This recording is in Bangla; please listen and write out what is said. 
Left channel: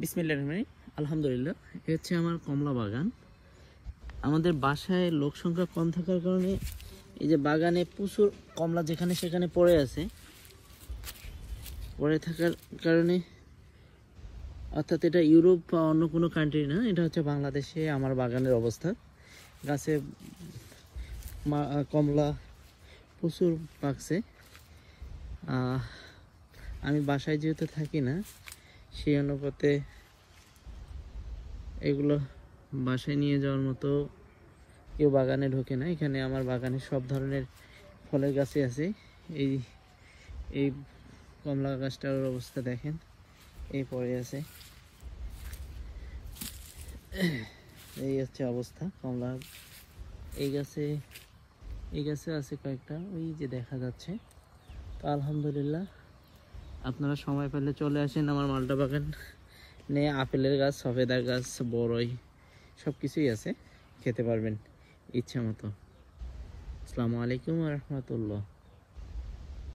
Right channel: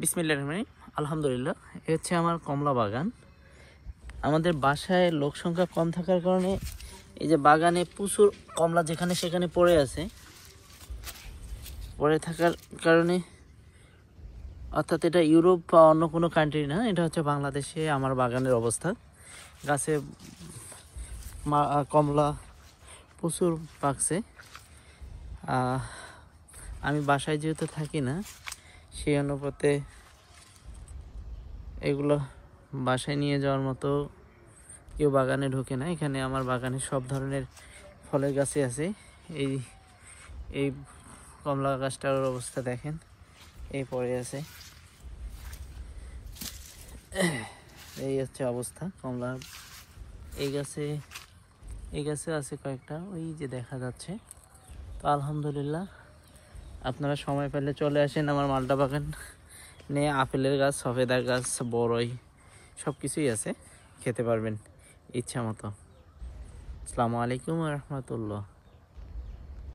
বিসমিল্লাহির রহমানির রহিম। আলহামদুলিল্লাহ, এ হচ্ছে আমার কমলা বাগান। আমাদের বাসায় লোক সংখ্যা কম থাকার কারণে এই যে বাগানে প্রচুর কমলা যেখানে সেখানে পড়ে আছে। পড়ে থাকার কারণে, অর্থাৎ এটা ইউরোপ বা অন্য কোনো কান্ট্রি না, এটা হচ্ছে বাংলাদেশে আমার বাগানের অবস্থা। গাছে কমলা প্রচুর পাকছে। আমি বাসায় যেহেতু থাকি না, সেই অনুপাতে এগুলো বাসায় নিয়ে যাওয়ার মতো কেউ বাগানে ঢোকে না। এখানে আমার বাগানে সব ধরনের ফলের গাছই আছে। এই এই কমলা গাছটার অবস্থা দেখেন, এই পড়ে আছে। এই হচ্ছে অবস্থা কমলা। এই গাছে আছে কয়েকটা, ওই যে দেখা যাচ্ছে। তো আলহামদুলিল্লাহ, আপনারা সময় পেলে চলে আসেন আমার মালটা বাগান নিয়ে। আপেলের গাছ, সফেদা গাছ, বড়ই সব কিছুই আছে, খেতে পারবেন ইচ্ছা মতো। আসসালামু আলাইকুম ওয়া রাহমাতুল্লাহ।